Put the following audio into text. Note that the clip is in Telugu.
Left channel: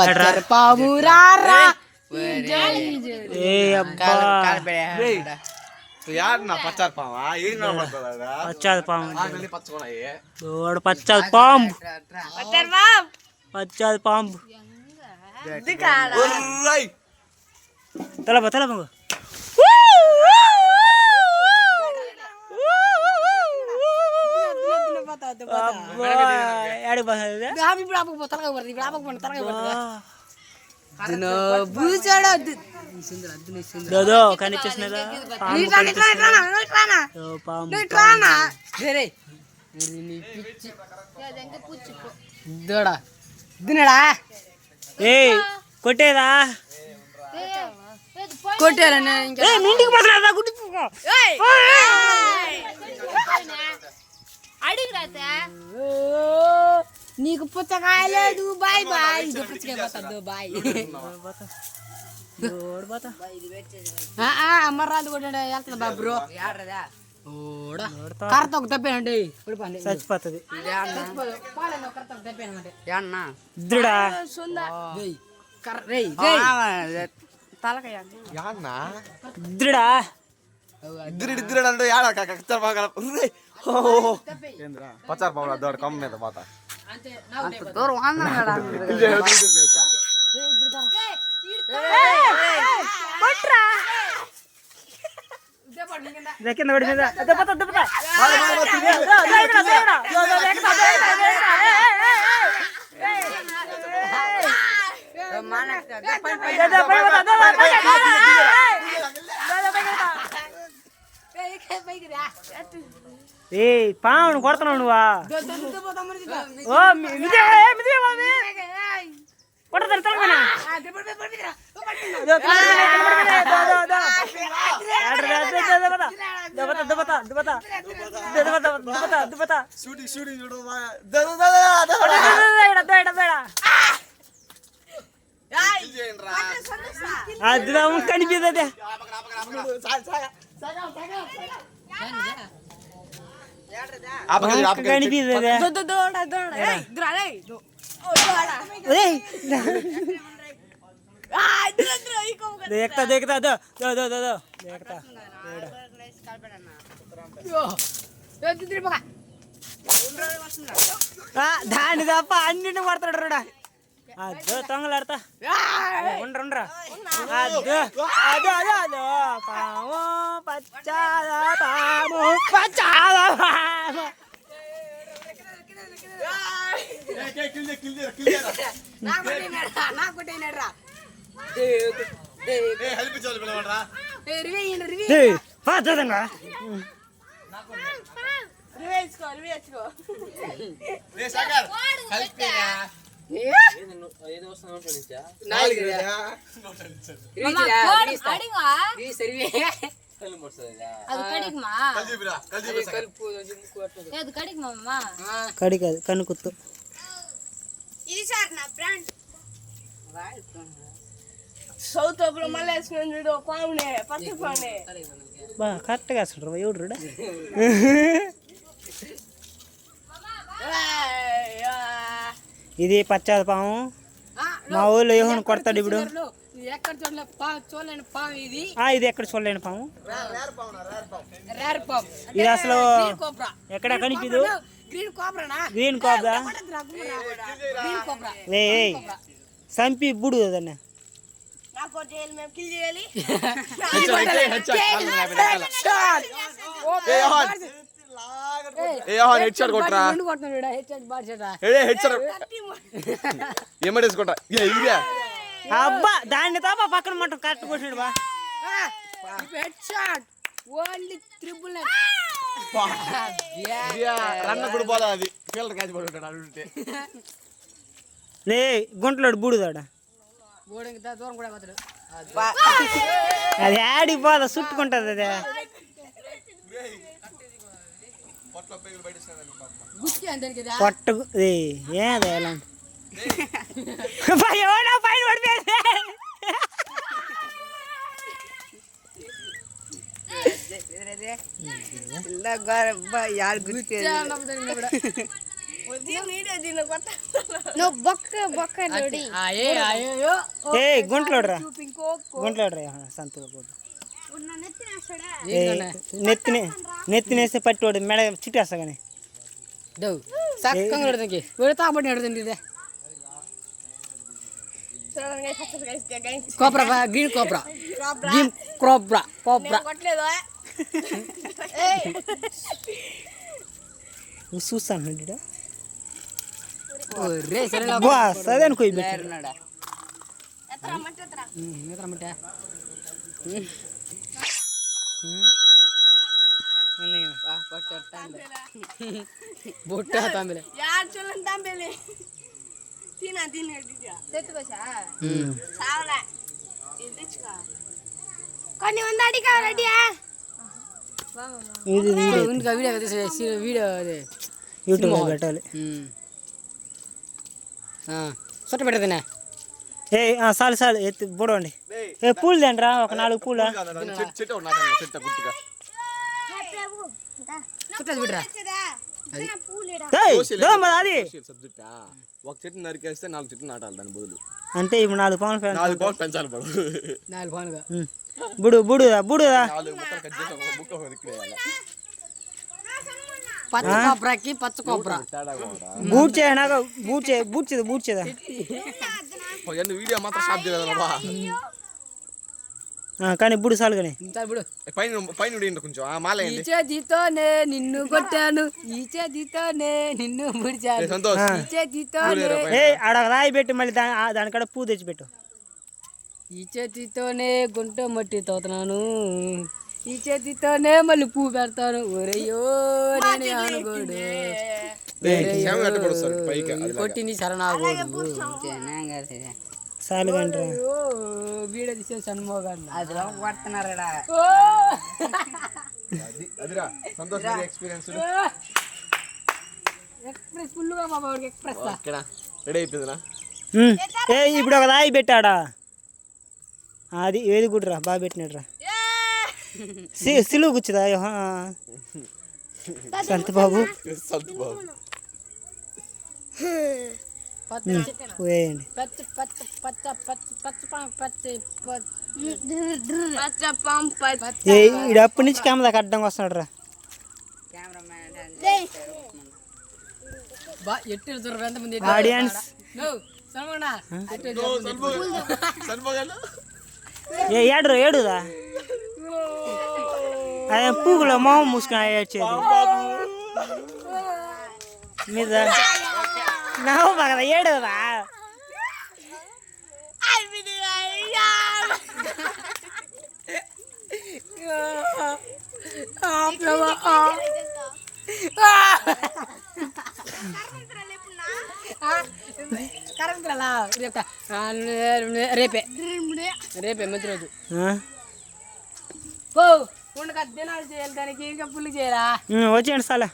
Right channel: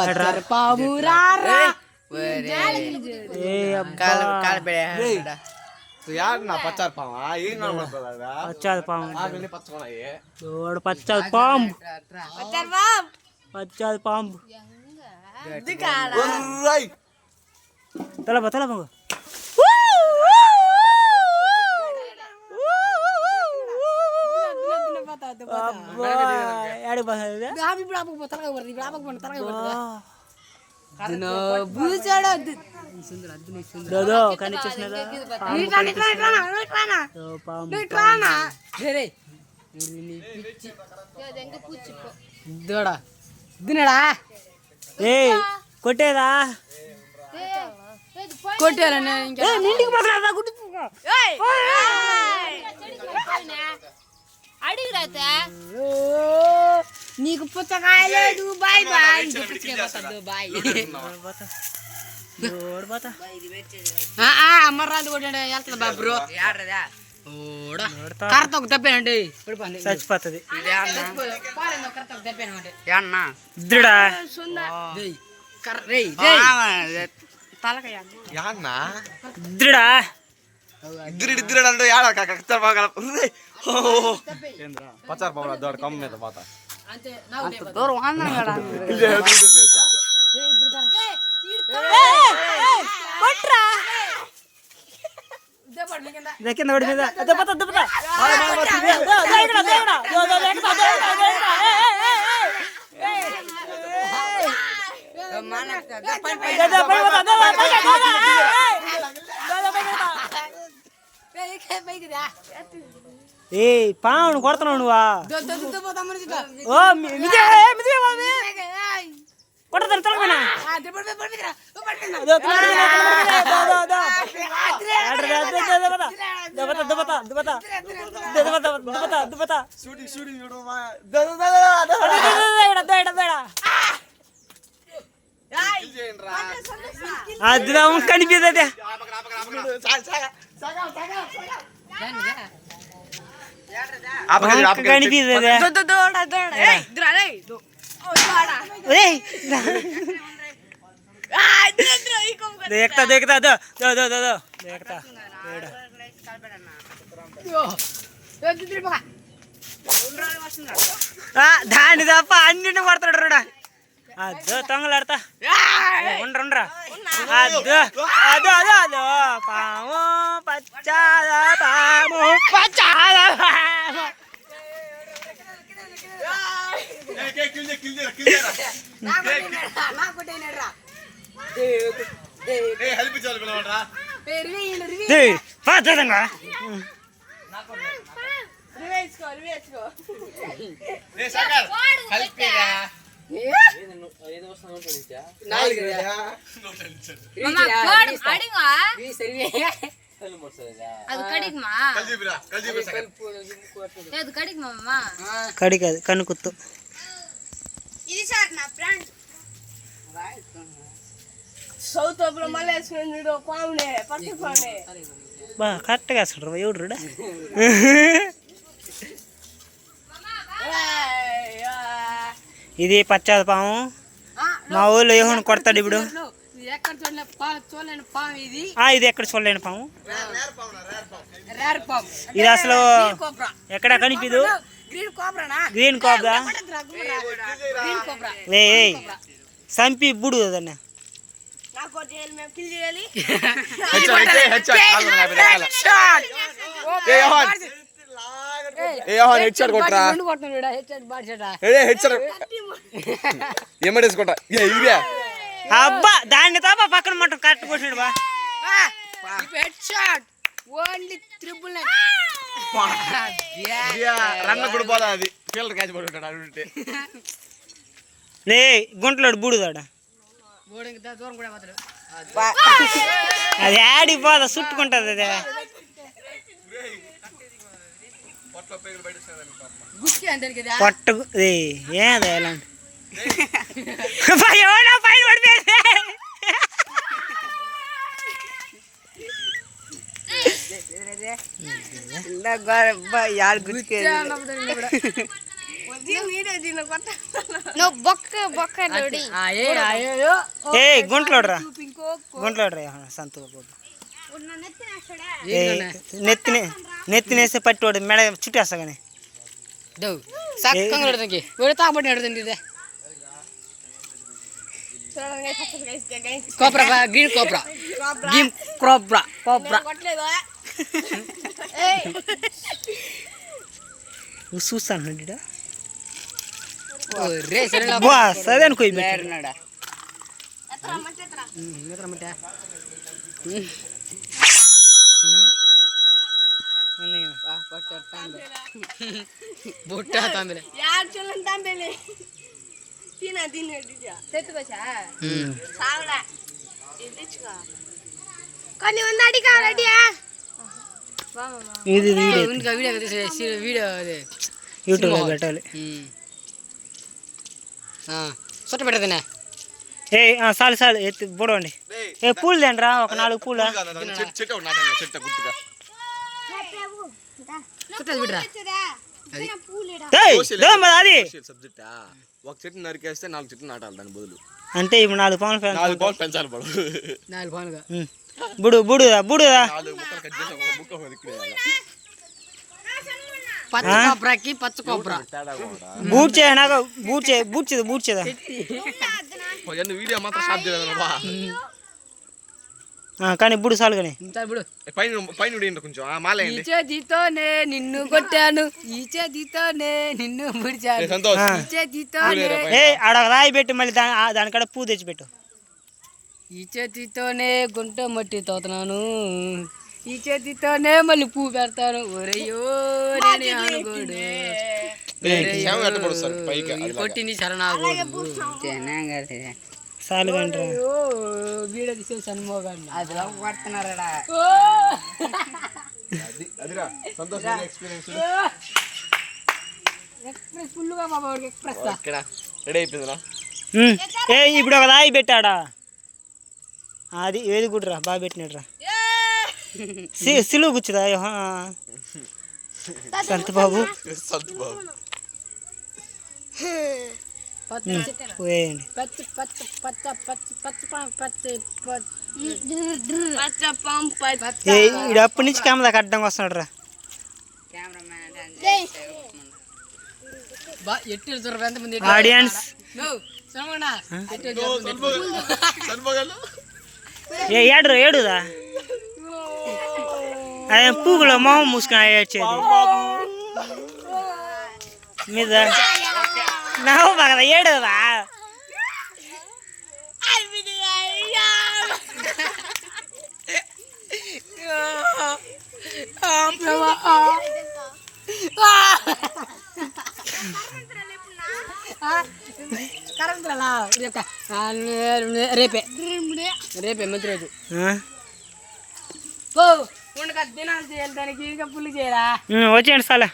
పచ్చర్ పాము రారా నా పచ్చారు పామా ఏం పచ్చాది పాము పచ్చాది పాంబు పచ్చాది పాంబు తలప తలప కొట్టేదా కొట్టారా ఇంటికి పోతున్నా నీకు పుచ్చకాయలేదు బాయ్ బాయ్ బాయ్ అమ్మరాలు కొట్టాడు వెళ్తుంది బా బ్రో కరెక్ట్ ఒక తప్పేనండి చచ్చిపోతుంది ఇద్దరు అంటే పచ్చారు పాము దోడ కమ్మ మీద పోతా కింద పడి మీద ఏ పావును కొడుతున్నావు నువ్వా కొట్టతారు తలపైన అది కనిపిస్తుంది देखता देखता दो दो दो दो दो देखता దాని తప్ప అన్నింటిని కొడతాడు రుడా అదో తొంగలాడతా ఉండరా అదో అదో అదో అదో పాము పచ్చాద పాము పచ్చాద కడి కాదు కన్ను కుత్తు సౌత్ మళ్ళీ బా కరెక్ట్గా వేస్తాడు ఎవడు ఇది పచ్చాది పాము మా ఊళ్ళో ఏమని కొడతాడు ఇప్పుడు ఇది ఎక్కడ చూడలేని పాము ఇది అసలు ఎక్కడ కనిపిదు గ్రీన్ కోబ్రా సంపి బుడు అదన్న అబ్బా దాన్ని తప్ప పక్కన మటం కరెక్ట్ కొట్టాడు బా రన్న కూడా పోదా అది ఫీల్డర్ క్యాచ్ పడుకుంటాడు అడుగుంటే లే గుంటలోడు బూడుదాడ అది ఆడిపోదా చుట్టుకుంటది అదే పట్టు ఏదే ఎలాంటి పైన పడిపోయింది నువ్వు బొక్క లోడి ఏ గుంట్లోడ్రా గుంట్లోడ్రా సంతు నెత్తినేస్తే పట్టివాడు మెడ చుట్టేస్తా కానీ చక్కగా పెడతాకి తాగబట్టి పెడుతుంది ఇదే కోప్రా గ్రీన్ కోప్రా గ్రీన్ కోప్రా కోప్రా చూస్తాను రే సరే సదేను కొయ్యి బుట్ట తాంబేలే కొన్ని ఉందాడి కావాలండి ఇది వీడియో యూట్యూబ్లో పెట్టాలి చుట్ట పెడతానే ఏ చాలు చాలు ఎత్తి బుడవండి ఏ పూలు తిండ్రా ఒక 4 పూల చెట్టు ఒకటి నాటండి, చెట్టు గుర్తుగా చుట్టది బిడ్రా అది సబ్జెక్టా. ఒక చెట్టు నరికేస్తే 4 చెట్లు నాటాలి దాని బదులు. అంటే ఇప్పుడు 4 పౌన్లు 4 పౌలు పెంచాలి పడు. 4 పౌన్లుగా బుడుదా 4 ముక్కలు కట్ చేసి ఒక ముక్క ఇక్కడ వేయాలి. పచ్చ కోప్రాకి పచ్చ కోప్రా తేడా కూడా. బూట్ చేయనాక బూట్ చేయదా వీడియో మాత్రం స్టార్ట్ చేయలేదు బాబా. కానీ బుడు చాలు కానీ ఇప్పుడు పైన ఉడియండి కొంచెం ఆ మాల ఈ చేతితోనే నిన్ను కొట్టాను ఈ చేతితోనే నిన్ను ముడిచాను సంతోష్ ఈ చేతితోనే ఏ ఆడ రాయి పెట్టి మళ్ళీ దానికాడ పూ తెచ్చిపెట్టు ఈ చేతితోనే గుంట మట్టి తోతున్నాను ఈ చేతితోనే మళ్ళీ పూ పెడతాను ఒరయ్యో కొట్టింది శరణాగోడు చాలు కంట్రా వీడియో తీసే సన్మోగాన్ని అది పడుతున్నారా అదిరా సంతోష్ ఎక్స్పీరియన్స్ ఎక్స్ప్రెస్ ఫుల్గా బాబా ఎక్స్ప్రెస్ ఇక్కడ రెడీ అయిపోయిందిరా. ఏ ఇప్పుడు ఒక రాయి పెట్టాడా అది ఏది గుడ్రా బాగా పెట్టినట్రా సిలువు కూర్చుదా సంతు బాబు వేయండి ఈడు అప్పటి నుంచి కెమెరా కట్టడం వస్తున్నాడు రా ఆడియన్స్ ఏడుదా అదే పూగులో మొహం మూసుకొని ఏడ్చేది మీద నవ్వు బాగా ఏడుదా రేపే మంచి రోజు ఉండక దినాలు చేయాలి దానికి ఇంకా పుల్లు చేయరా వచ్చేయండి సాలా